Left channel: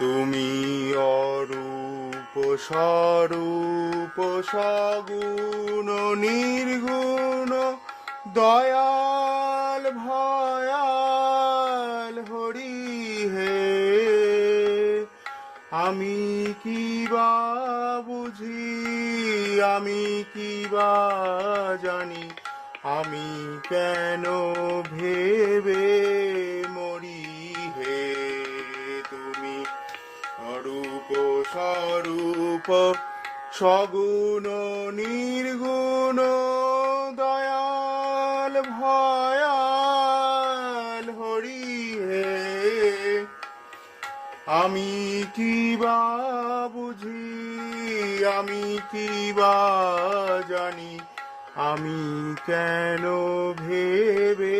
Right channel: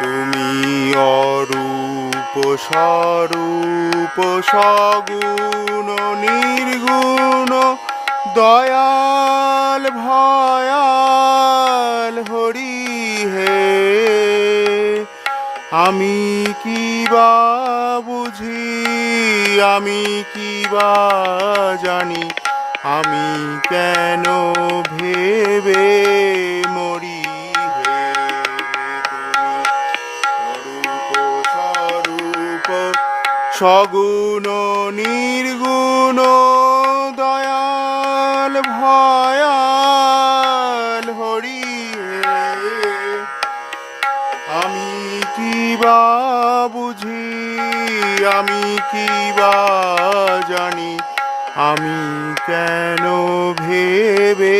তুমি অরূপ স্বরূপ সগুণ নির্গুণ দয়াল ভয়াল হরি হে। আমি কি বা বুঝি, আমি কি বা জানি, আমি কেন ভেবে মরি হে। তুমি অরূপ স্বরূপ সগুণ নির্গুণ দয়াল ভয়াল হরি হে। আমি কি বা বুঝি, আমি কি বা জানি, আমি কেন ভেবে